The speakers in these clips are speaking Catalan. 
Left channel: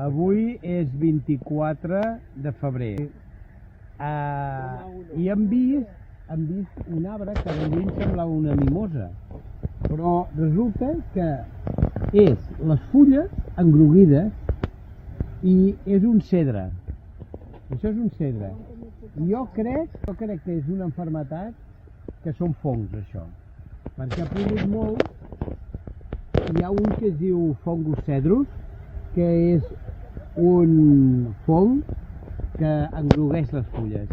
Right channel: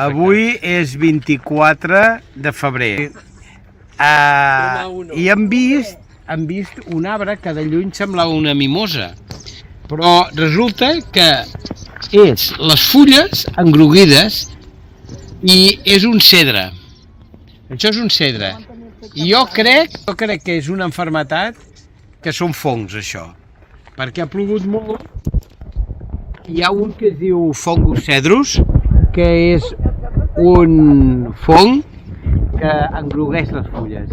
Avui és 24 de febrer i hem vist un arbre que de lluny semblava una mimosa, però resulta que és les fulles engruguides i és un cedre. Això és un cedre. I jo crec que és una malaltia que són fongs, això, perquè ha plogut molt. Hi ha un que es diu Fungus cedrus, que és un fong que engrugueix les fulles,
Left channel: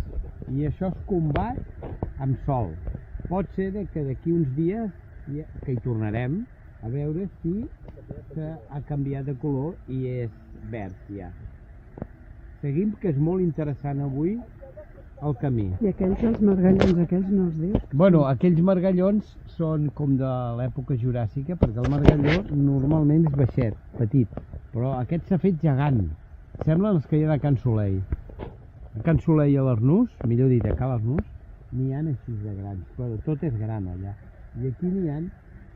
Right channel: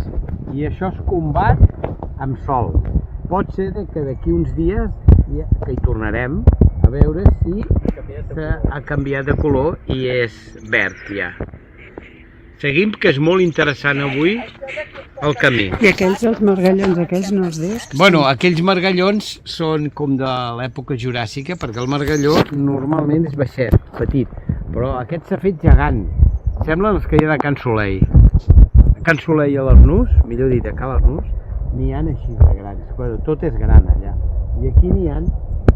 i això es combat amb sol. Pot ser que d'aquí uns dies que hi tornarem a veure si ha canviat de color i és verd ja. Seguim, que és molt interessant avui el camí. I aquells, els margallons, aquells no els dius? Bueno, aquells margallons són com de l'època juràssica, perquè el margalló normalment és baixet, petit, però aquest s'ha fet gegant. Semblen els que hi ha de Can Soleil. A Can Soleil a l'Arnús, millor dit, a Cal Arnús, n'hi ha així de grans, però tot és gran allà. I aquí n'hi ha,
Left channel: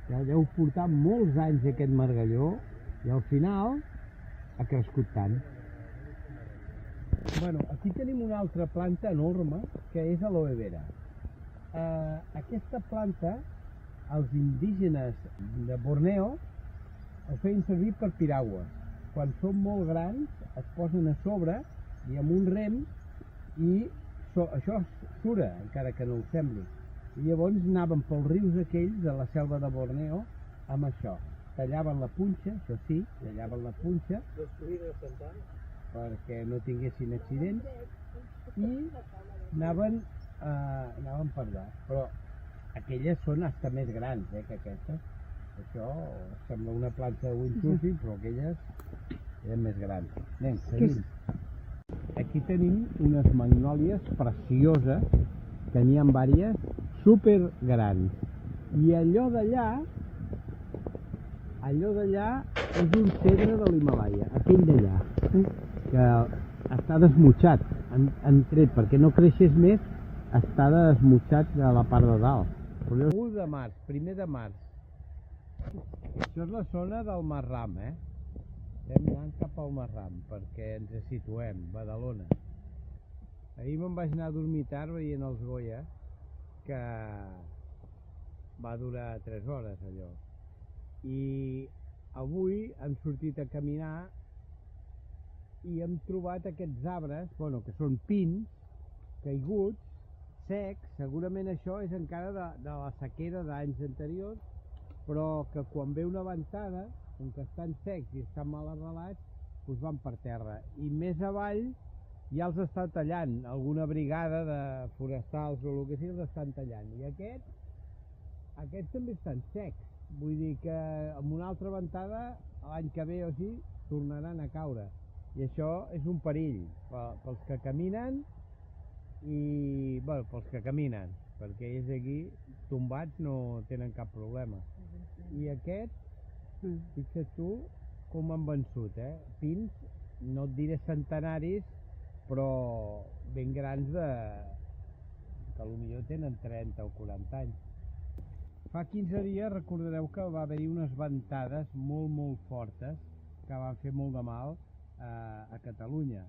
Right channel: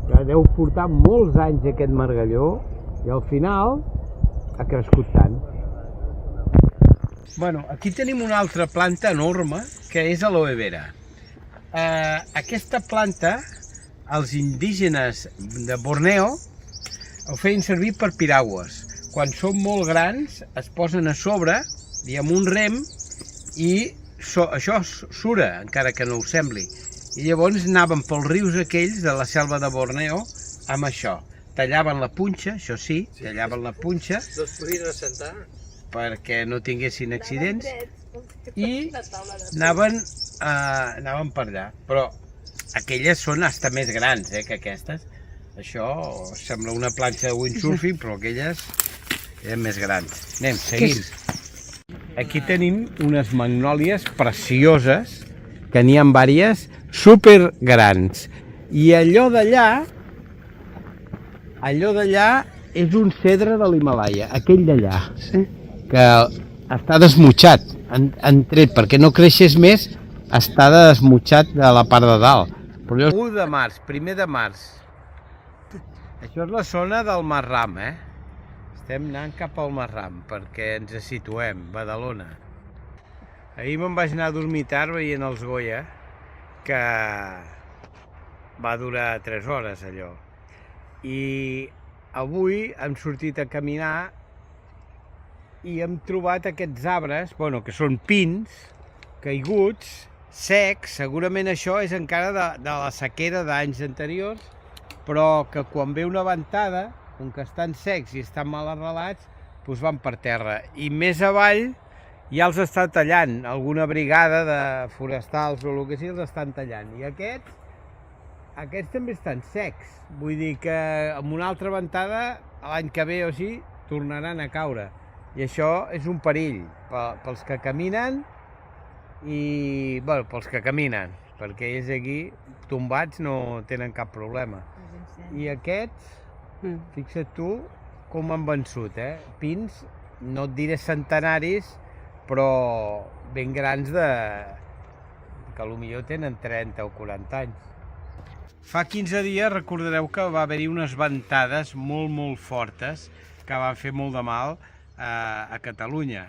que deu portar molts anys aquest margalló, i al final ha crescut tant. Bueno, aquí tenim una altra planta enorme, que és aloe vera. Aquesta planta, els indígenes de Borneo ho feien servir per piragües. Quan són molt grans, es posen a sobre i amb un rem, i això sura, encara que no ho sembli. I llavors anaven pels rius aquells de la selva de Borneo amb això. Tallaven la punxa, això sí, tallaven la punxa. No es podien assentar perquè no tinguessin accidents, i anaven per allà. Però aquelles són hasta més grans que aquestes. Això sembla una planxa de windsurfing, però aquelles eren més grans. Anem, seguim. Aquí tenim unes magnòlies precioses, que n'hi ha diverses, super grans. I allò d'allà és un cedre de l'Himàlaia, aquell d'allà. Sí. Que està desmutxat, han tret, perquè no creixés més, està desmutxat de la part de dalt. 1 de març, 1 de març. Això és la zona del Marram, Estem anant cap al Marram, perquè ens situem, Badalona. Ahir me'n vaig anar a dormir tard veient els Goya, que va durar 3 hores allò. I avui hem sortit a caminar i hem trobat aquests arbres, que són pins, caiguts, secs. Segurament això és encara de la sequera d'anys anteriors, però que quan ve una ventada, com que estan secs i estan mal arrelats, doncs van per terra. I més avall ja els està tallant, alguna brigada de forestals o el que sigui els estan tallant. I aquests també estan secs, vull dir que amb una altra ventada, l'any que ve o així, tornaran a caure. I això és un perill pels que caminen i, pels que caminen, perquè ells aquí, tombats, no tenen cap problema. I aquests, fixa't tu com han vençut, pins, no et diré centenaris, però ben grans que potser tenen 30 o 40 anys. Fa 15 dies recordareu que va haver-hi unes ventades molt fortes que van fer molt de mal a Catalunya.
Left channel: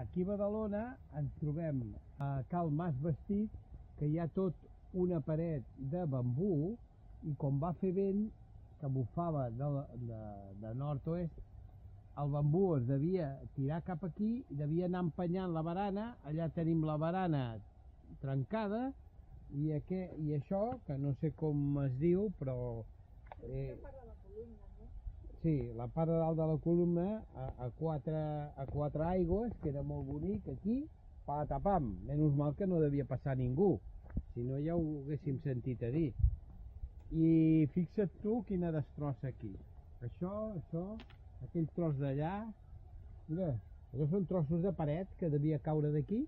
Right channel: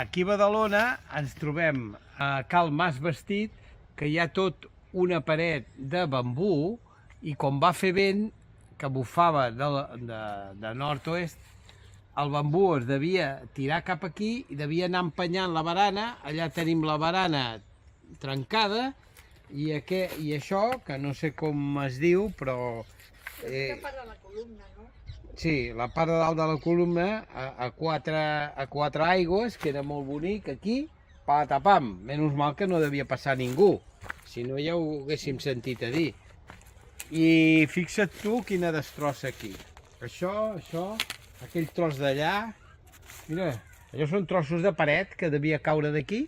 Aquí a Badalona ens trobem a Cal Mas Vestit, que hi ha tot una paret de bambú, i quan va fer vent, que bufava de nord-oest, el bambú es devia tirar cap aquí i devia anar empenyant la barana. Allà tenim la barana trencada, i això, que no sé com es diu, però... Sí, la part de dalt de la columna, a quatre aigües, que era molt bonic, aquí, patapam, menys mal que no devia passar ningú, si no ja ho haguéssim sentit a dir. I fixa't tu quina destrossa aquí. Això, aquell tros d'allà, mira, allò són trossos de paret que devia caure d'aquí.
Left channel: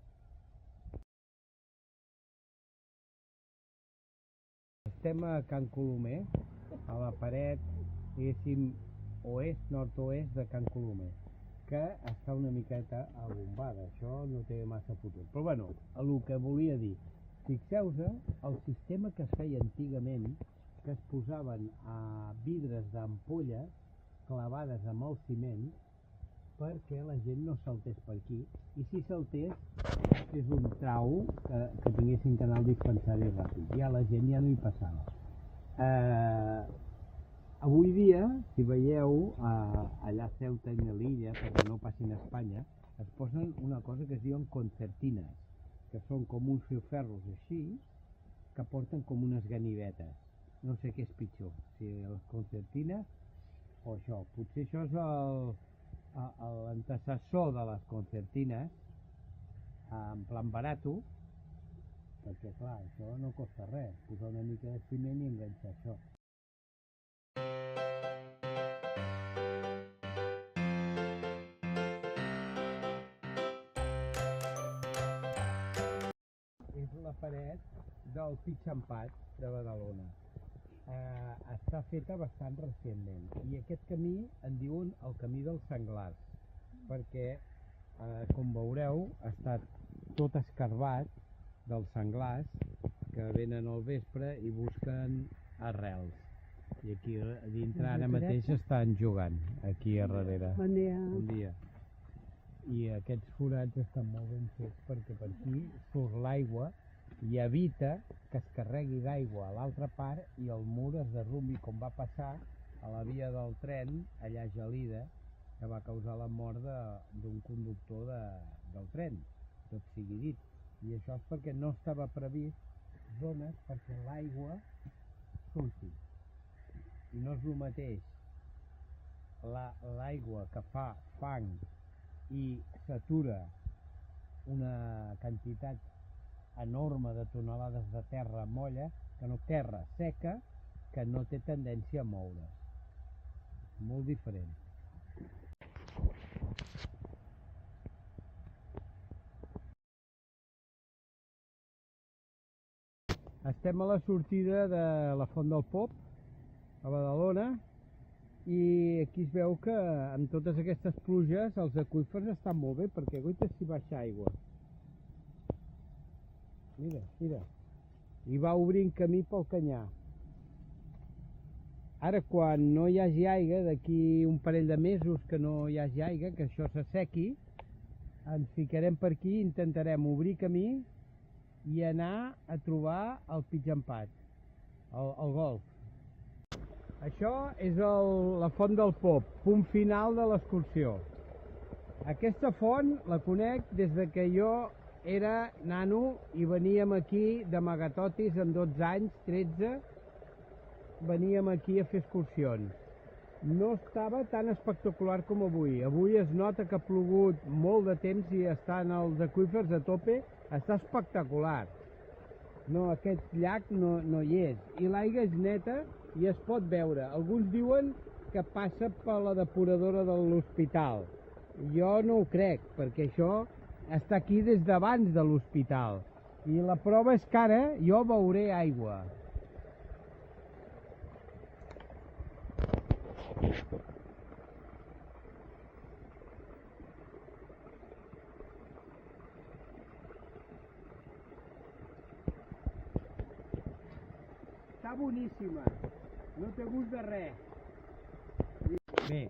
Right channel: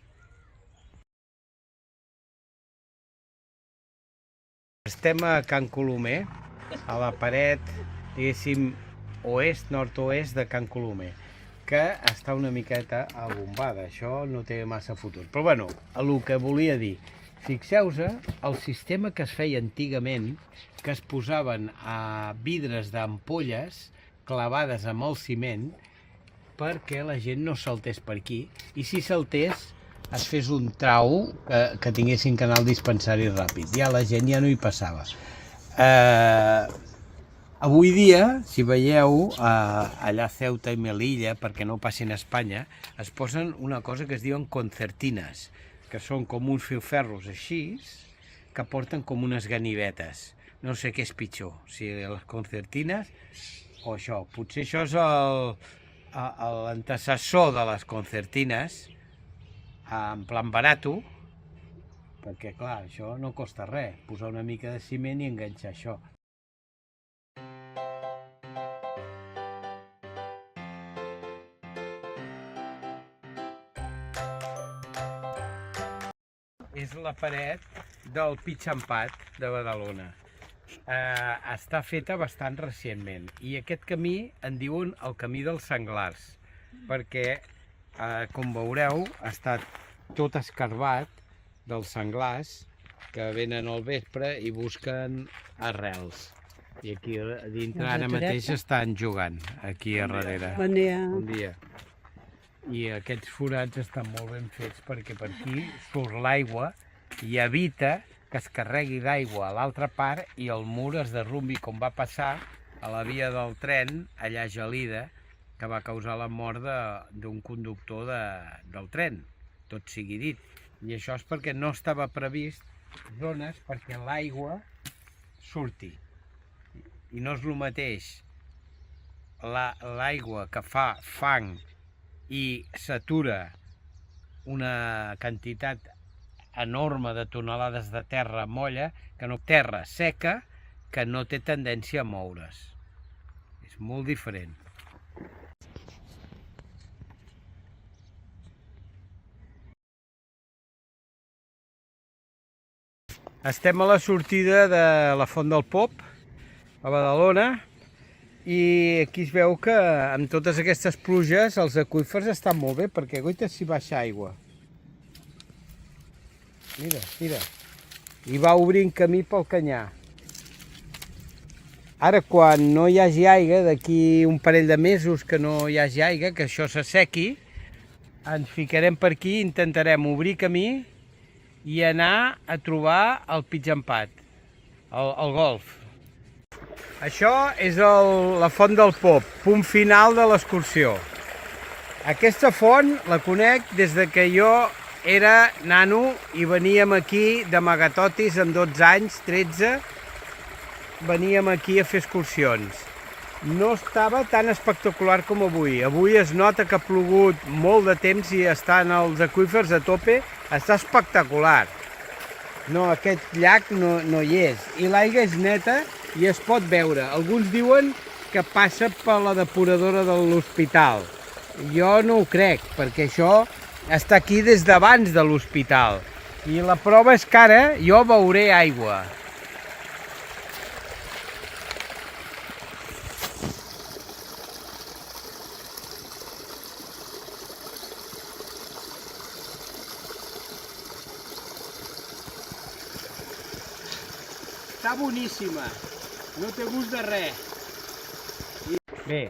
Estem a Can Colomer, a la paret, diguéssim, nord-oest de Can Colomer, que està una miqueta abombada. Això no té massa futur. Però bueno, el que volia dir, Fixeu-vos el sistema que es feia antigament, que es posaven a vidres d'ampolles clavades amb el ciment perquè la gent no saltés per aquí, i si saltés es fes un trau que tinguessin canal dispensari ràpid. Ja la gent ja no hi passava. Avui dia, si veieu, allà a Ceuta i Melilla, perquè no passin a Espanya, es posen una cosa que es diuen concertines, que són com uns filferros així, que porten com unes ganivetes. No sé què és pitjor, si les concertines o això. Potser això és l'antecessor de les concertines, en plan barato, perquè clar, això no costa res, posar una mica de ciment i enganxar això. És la paret del Pitxampat de Badalona. Està feta bastant recentment i aquest camí en diuen el camí dels senglars perquè, com veureu, ha estat tot escarbat dels senglars que venen al vespre i busquen arrels. I aquí a dintre ara mateix estan jugant, aquí a darrere. Bon dia. Bon dia. I aquests forats estan molt ben fets perquè per aquí surt l'aigua i evita que es carregui d'aigua a l'altra part i el mur es derrumbi, com va passar a la via del tren allà a Gelida, que va causar la mort d'un conductor del tren, tot sigui dit. I això és perquè no estava previst zones perquè l'aigua surti. I no és el mateix l'aigua que fa fang i s'atura una quantitat enorme de tonelades de terra molla, que no terra seca, que no té tendència a moure's. És molt diferent. Estem a la sortida de la Font del Pop, a Badalona, i aquí es veu que amb totes aquestes pluges els aqüífers estan molt bé, perquè guaita s'hi baixa aigua. Mira, mira. I va obrint camí pel canyar. Ara, quan no hi hagi aigua, d'aquí un parell de mesos que no hi hagi aigua, que això s'assequi, ens ficarem per aquí, intentarem obrir camí i anar a trobar el Pitxampat, el golf. Això és la Font del Pop, punt final de l'excursió. Aquesta font la conec des de que jo era nano i veníem aquí d'amagatotis amb 12 anys, 13, veníem aquí a fer excursions. No estava tan espectacular com avui. Avui es nota que ha plogut molt de temps i estan els aqüífers a tope. Està espectacular. No, aquest llac no hi és. I l'aigua és neta i es pot veure. Alguns diuen que passa per la depuradora de l'hospital. Jo no ho crec, perquè això està aquí des d'abans de l'hospital. I la prova és que ara jo veuré aigua. Està boníssima, no té gust de res. Bé,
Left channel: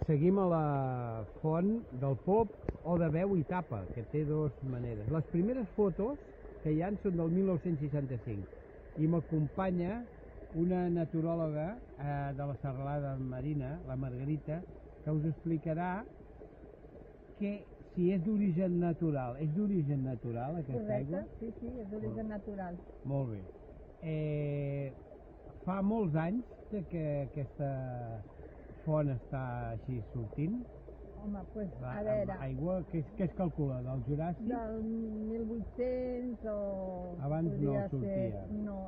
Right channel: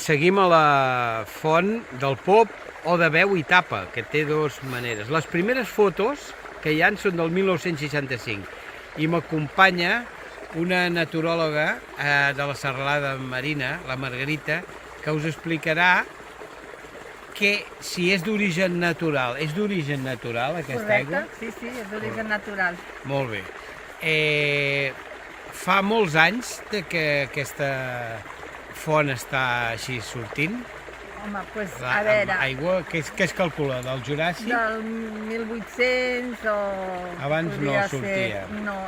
seguim a la Font del Pop o de Veu i Tapa, que té dues maneres. Les primeres fotos que hi ha són del 1965 i m'acompanya una naturòloga de la Serralada Marina, la Margarita, que us explicarà que si és d'origen natural. És d'origen natural aquesta aigua? Correcte, sí, és d'origen natural. Molt bé. Fa molts anys que aquesta font està així sortint? Home, doncs, a veure... Aigua, què es calcula? Del Juràssic? Del 1800 o... Abans no sortia. No.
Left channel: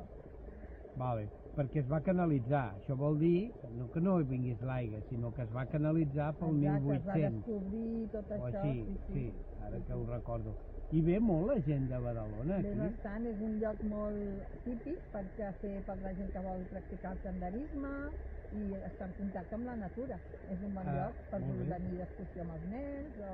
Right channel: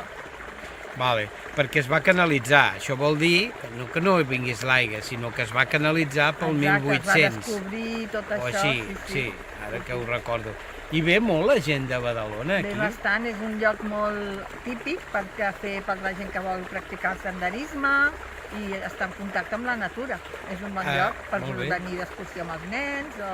Vale, perquè es va canalitzar. Això vol dir que no vingués l'aigua, sinó que es va canalitzar pel 1800. Es va descobrir tot això. O així, sí, ara que ho recordo. I ve molt la gent de Badalona aquí? Ve bastant, és un lloc molt típic per la gent que vol practicar el senderisme i està en contacte amb la natura. És un bon Ah, lloc per molt bé. venir d'excursió amb els nens o...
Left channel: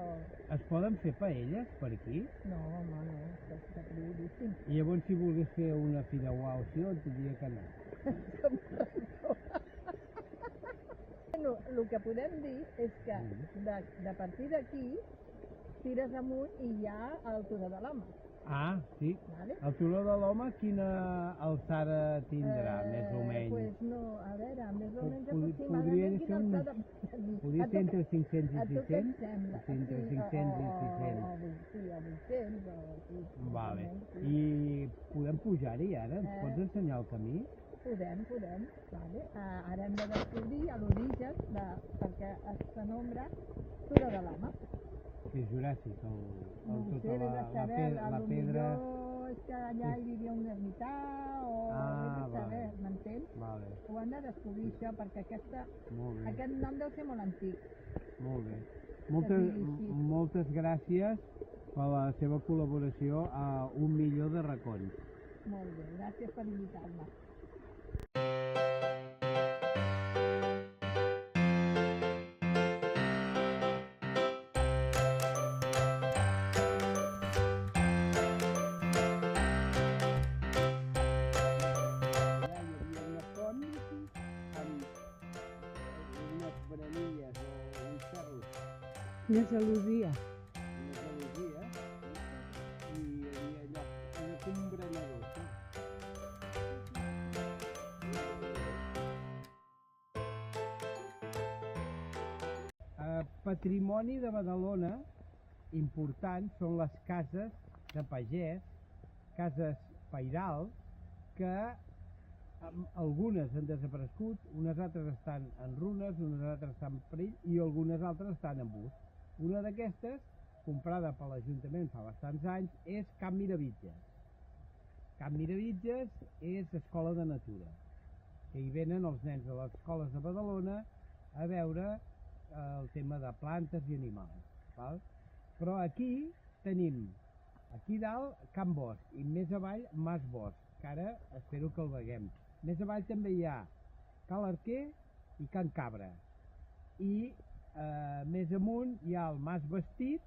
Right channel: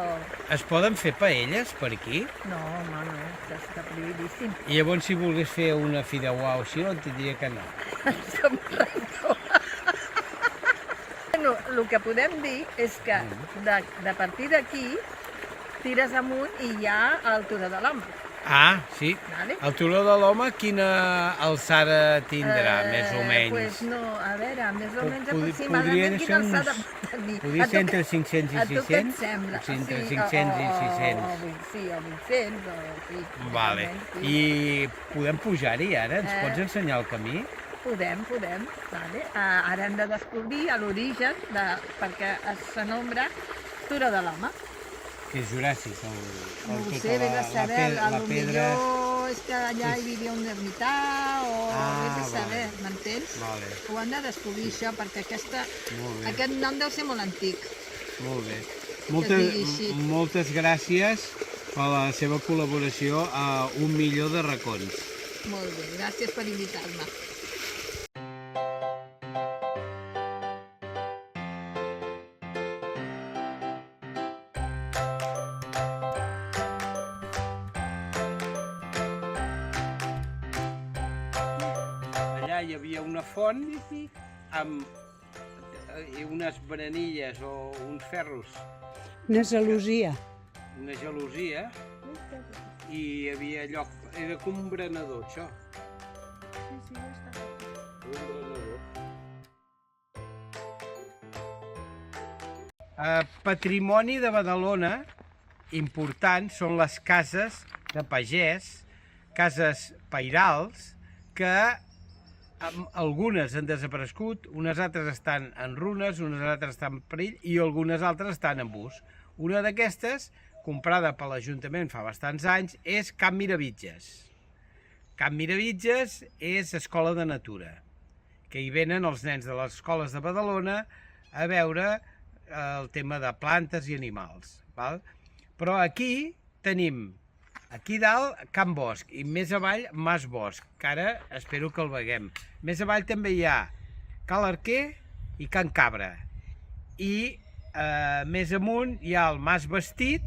Es poden fer paelles per aquí? No, home, no, això està prohibidíssim. I llavors si volgués fer una fideuà o així, et diria que no. Som res. Bueno, el que podem dir és que de partir d'aquí tires amunt i hi ha el Turó de l'Home. Ah, sí. Vale? El Turó de l'Home quina alçada tindrà, més o menys? Pues no, a veure, més o menys Podria aproximadament ser quina uns- alçada pot tenir. Podria A tu ser què- entre 500 i a tu què et 600? sembla? O sigui, entre Sí, 500 i o 600. Sí, o 800, o sí. més o Vale. menys, sí. I podem pujar-hi ara? Ens Eh. pots ensenyar el camí? Podem. Vale. Ara hem de descobrir l'origen perquè s'anombra Turó de l'Home. Que és Juràssic, No ho tota sé, vés a saber, a lo pedra... millor és que allà hi vivia un ermità o Ah, vés a vale. saber, m'entens? Vale, Ho han de descobrir això perquè molt bé, aquest nom deu ser molt antic. molt bé. digui així. Moltes gràcies per la seva col·laboració a 1.000.000 de racons. Molt bé, gràcies per invitar-me. Allà hi havia una font amb unes branilles o uns ferros, Una gelosia. una gelosia, i hi havia lloc, era com un berenador, això. Un berenador. Patrimoni de Badalona important són les cases de pagès, cases pairals, que algunes han desaparegut, unes altres estan en runes, unes altres estan en perill i algunes altres estan en ús. Una d'aquestes, comprada per l'Ajuntament fa bastants anys, és Camp Miravitges. Camp Miravitges és escola de natura, que hi venen els nens de les escoles de Badalona a veure el tema de plantes i animals. Val? Però aquí tenim, aquí dalt, Camp Bosch, i més avall, Mas Bosch, que ara espero que el veguem. Més avall també hi ha Cal Arquer i Can Cabra. I més amunt hi ha el Mas Vestit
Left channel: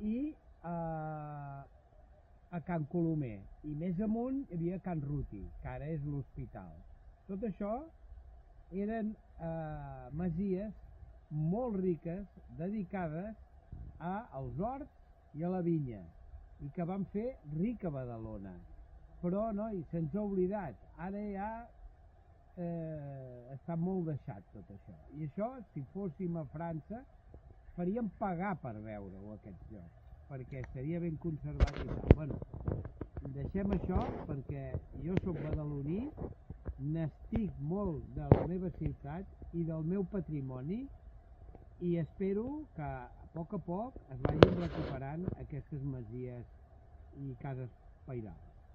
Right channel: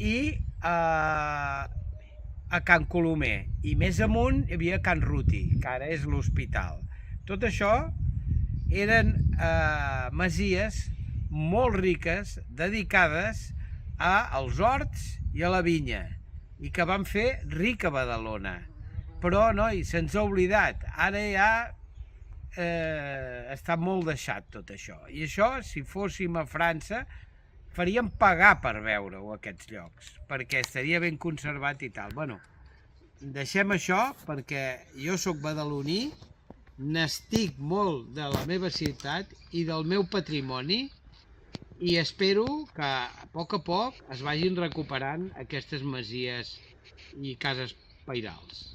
i a Can Colomer. I més amunt hi havia Can Ruti, que ara és l'hospital. Tot això eren masies molt riques, dedicades als horts i a la vinya, i que van fer rica Badalona. Però, noi, se'ns ha oblidat. Ara ja està molt deixat tot això. I això, si fóssim a França, faríem pagar per veure-ho, aquests llocs, perquè estaria ben conservat i tal. Bueno, deixem això, perquè jo sóc badaloní, n'estic molt de la meva ciutat i del meu patrimoni, i espero que a poc es vagin recuperant aquestes masies i cases pairals.